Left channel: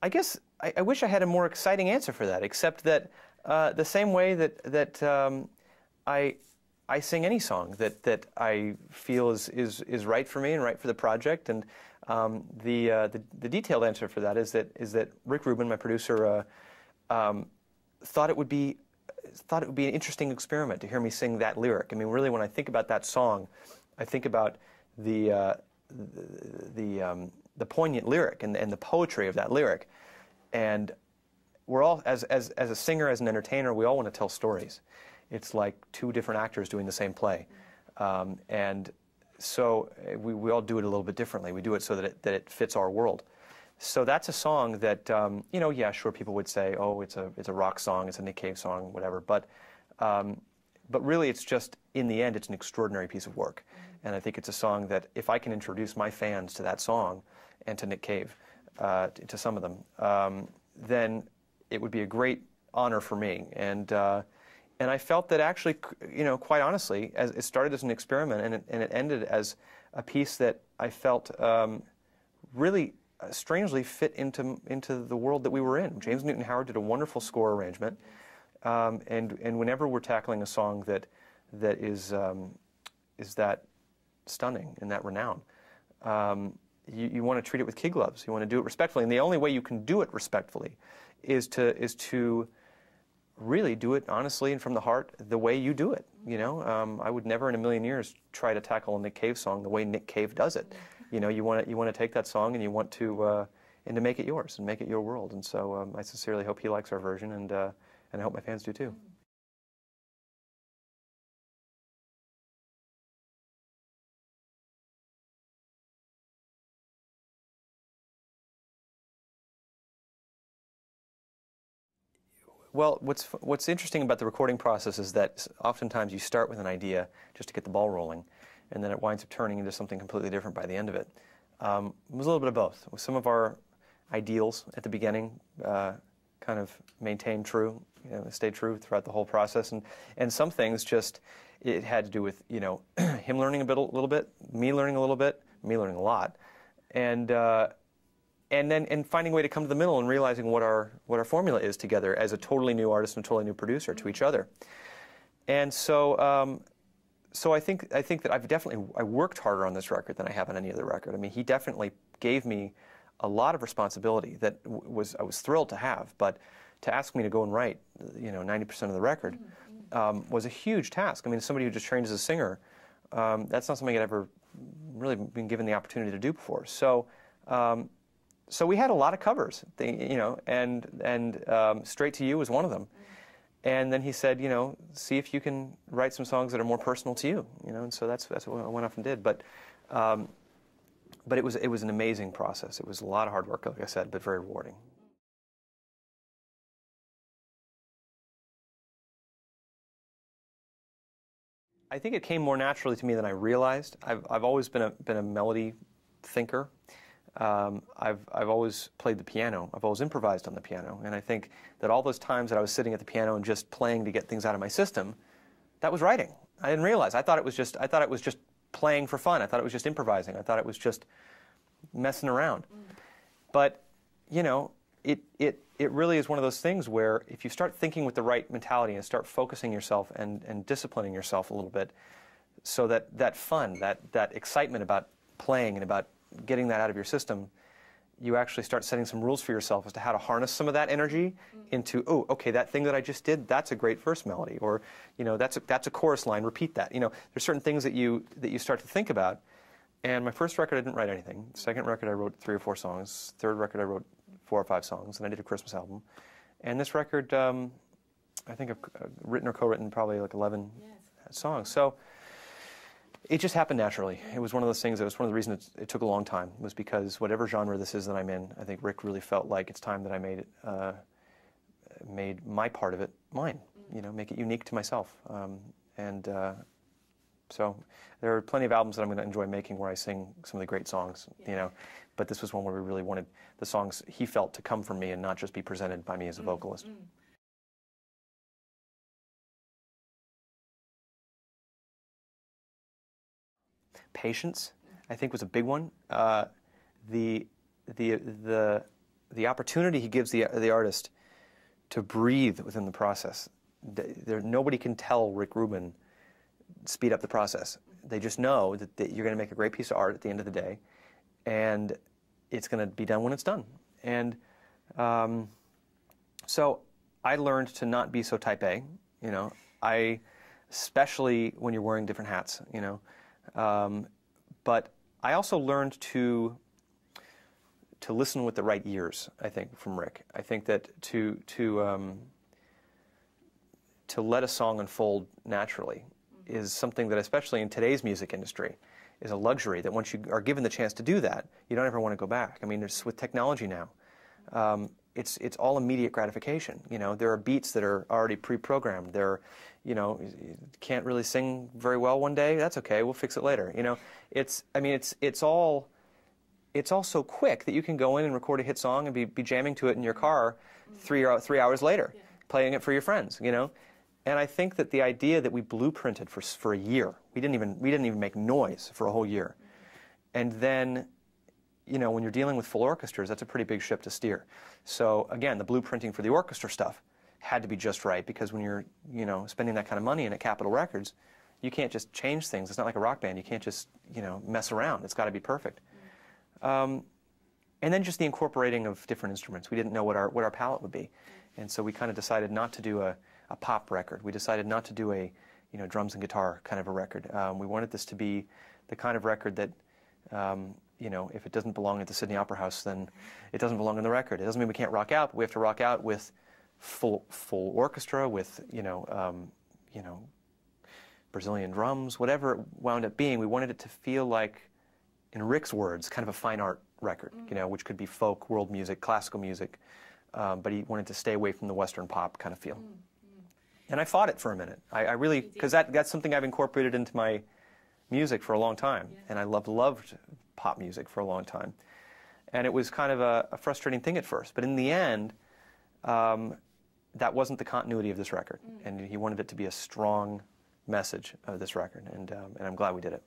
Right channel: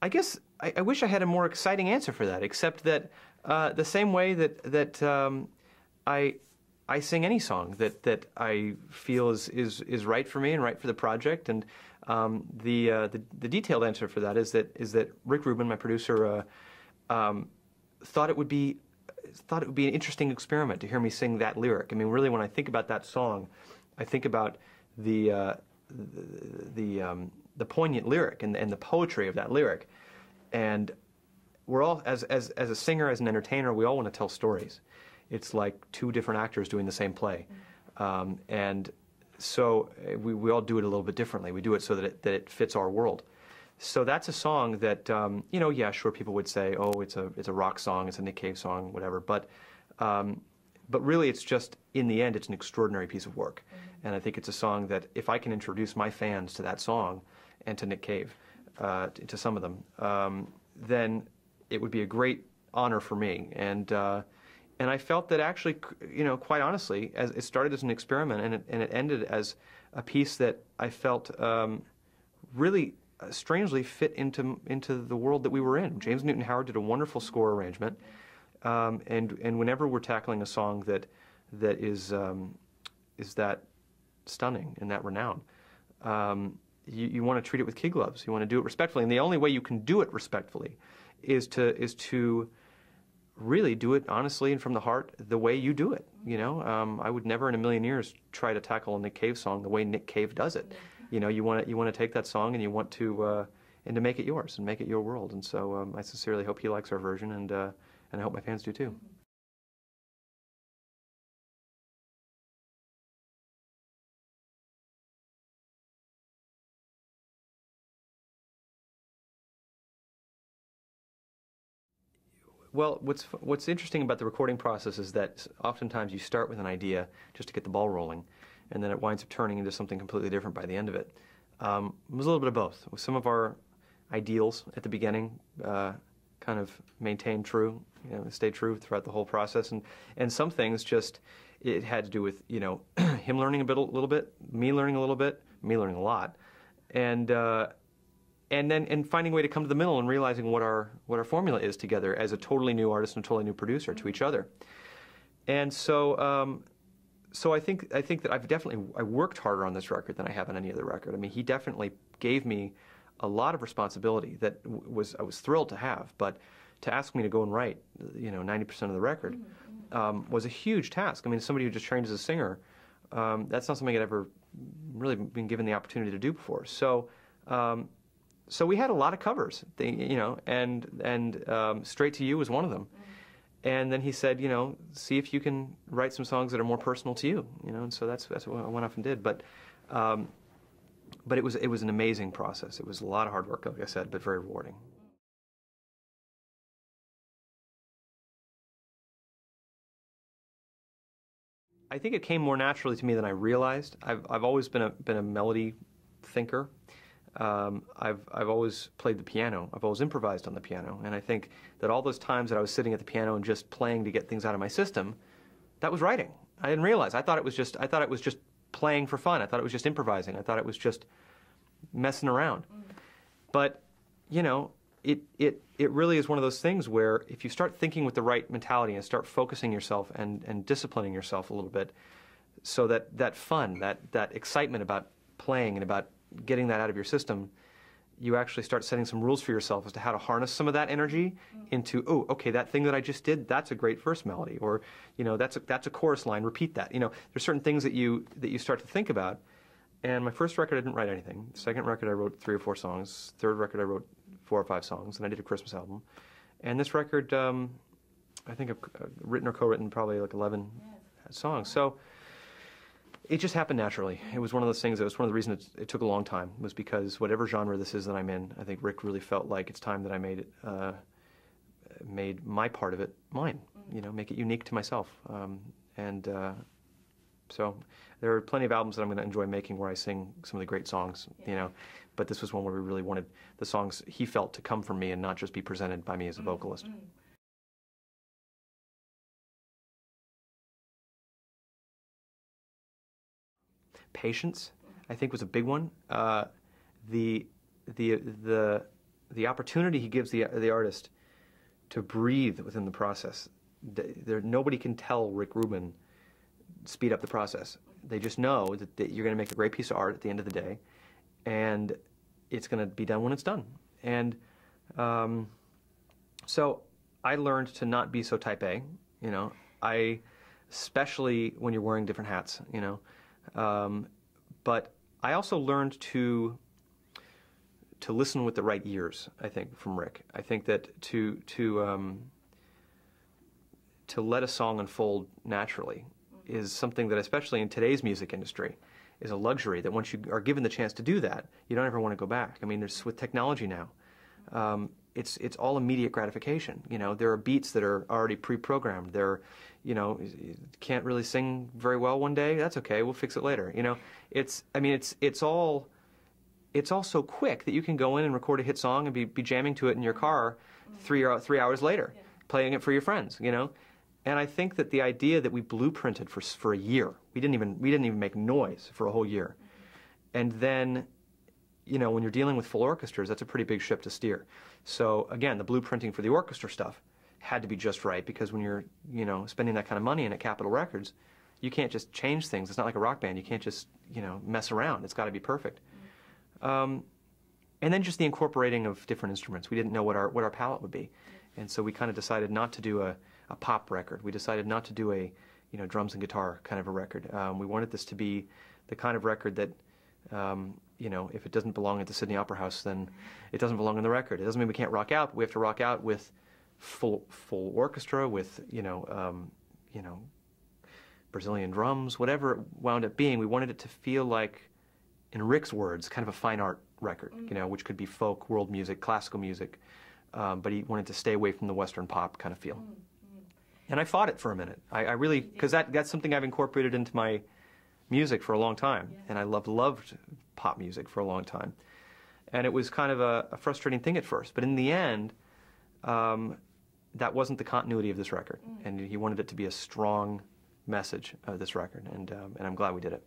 I guess I wish I had a more exciting answer for that, except that the same way that I sing any song that I feel is right for me and right for the project, and the detailed answer for that is that Rick Rubin, my producer, thought it would be an interesting experiment to hear me sing that lyric. I mean, really, when I think about that song, I think about the poignant lyric and the poetry of that lyric, and we're all as a singer, as an entertainer, we all want to tell stories. It's like two different actors doing the same play, and so we all do it a little bit differently. We do it so that it fits our world. So that's a song that yeah, sure, people would say, oh, it's a rock song, it's a Nick Cave song, whatever. But really, it's just, in the end, it's an extraordinary piece of work. And I think it's a song that if I can introduce my fans to that song and to Nick Cave, to some of them, then it would be a great honor for me. And I felt that actually, quite honestly, as it started as an experiment and it ended as a piece that I felt really strangely fit into the world that we were in. James Newton Howard did a wonderful score arrangement, and whenever we're tackling a song that is that stunning and that renowned, you want to treat it with kid gloves. You want to do it respectfully, and the only way you can do it respectfully is to really do it honestly and from the heart, the way you do it. I would never in a million years try to tackle a Nick Cave song the way Nick Cave does it. You want to take that song and you want to make it yours and make it your world. And so I sincerely hope he likes our version, and I hope my fans do too. Well, what's interesting about the recording process is that oftentimes you start with an idea just to get the ball rolling, and then it winds up turning into something completely different by the end of it. It was a little bit of both. Some of our ideals at the beginning kind of maintained true, stayed true throughout the whole process, and some things just, it had to do with him learning a little bit, me learning a little bit, me learning a lot, and then finding a way to come to the middle and realizing what our formula is together as a totally new artist and a totally new producer to each other. And so I think that I worked harder on this record than I have on any other record. I mean, he definitely gave me a lot of responsibility that I was thrilled to have, but to ask me to go and write 90% of the record was a huge task. I mean, as somebody who just trained as a singer, that's not something I'd ever really been given the opportunity to do before. So we had a lot of covers, and Straight to You was one of them. And then he said, see if you can write some songs that are more personal to you, and so that's what I went off and did. But it was an amazing process. It was a lot of hard work, like I said, but very rewarding. I think it came more naturally to me than I realized. I've always been a melody thinker. I've always played the piano. I've always improvised on the piano, and I think that all those times that I was sitting at the piano and just playing to get things out of my system, that was writing. I didn't realize. I thought it was just playing for fun. I thought it was just improvising. I thought it was just messing around. But it really is one of those things where if you start thinking with the right mentality and start focusing yourself and disciplining yourself a little bit, so that fun, that excitement about playing and about getting that out of your system, you actually start setting some rules for yourself as to how to harness some of that energy into, oh, okay, that thing that I just did, that's a great first melody, or that's a chorus line, repeat that. There's certain things that you start to think about. And my first record, I didn't write anything. Second record, I wrote 3 or 4 songs. Third record, I wrote 4 or 5 songs, and I did a Christmas album. And this record, I think I've written or co-written probably like 11 songs. So it just happened naturally. It was one of those things. That was one of the reasons it took a long time, was because whatever genre this is that I'm in, I think Rick really felt like it's time that I made my part of it mine. Make it unique to myself. So there are plenty of albums that I'm going to enjoy making where I sing some of the great songs. But this was one where we really wanted the songs he felt to come from me and not just be presented by me as a vocalist. Patience, I think, was a big one. The the opportunity he gives the artist to breathe within the process. Nobody can tell Rick Rubin speed up the process. They just know that you're going to make a great piece of art at the end of the day, and it's going to be done when it's done. And so I learned to not be so type A, you know. Especially when you're wearing different hats, you know. But I also learned to listen with the right ears, I think, from Rick. I think that to let a song unfold naturally is something that, especially in today's music industry, is a luxury that once you are given the chance to do that, you don't ever want to go back. I mean, there's, with technology now, it's all immediate gratification. You know, there are beats that are already pre-programmed. You know, you can't really sing very well one day. That's okay. We'll fix it later. You know, it's all so quick that you can go in and record a hit song and be jamming to it in your car 3 hours later, playing it for your friends. You know, and I think that the idea that we blueprinted for a year, we didn't even make noise for a whole year, and then, you know, when you're dealing with full orchestras, that's a pretty big ship to steer. So again, the blueprinting for the orchestra stuff had to be just right, because when you're, you know, spending that kind of money in at Capitol Records, you can't just change things. It's not like a rock band. You can't just, you know, mess around. It's got to be perfect. And then just the incorporating of different instruments. We didn't know what our palette would be, and so we kind of decided not to do a pop record. We decided not to do a, you know, drums and guitar kind of a record. We wanted this to be the kind of record that, you know, if it doesn't belong at the Sydney Opera House, then it doesn't belong on the record. It doesn't mean we can't rock out, but we have to rock out with full orchestra, with, you know, Brazilian drums, whatever it wound up being. We wanted it to feel like, in Rick's words, kind of a fine art record, you know, which could be folk, world music, classical music, but he wanted to stay away from the Western pop kind of feel. And I fought it for a minute. I really, because that's something I've incorporated into my music for a long time, and I loved pop music for a long time. And it was kind of a frustrating thing at first, but in the end, that wasn't the continuity of this record, and he wanted it to be a strong message of this record, and I'm glad we did it.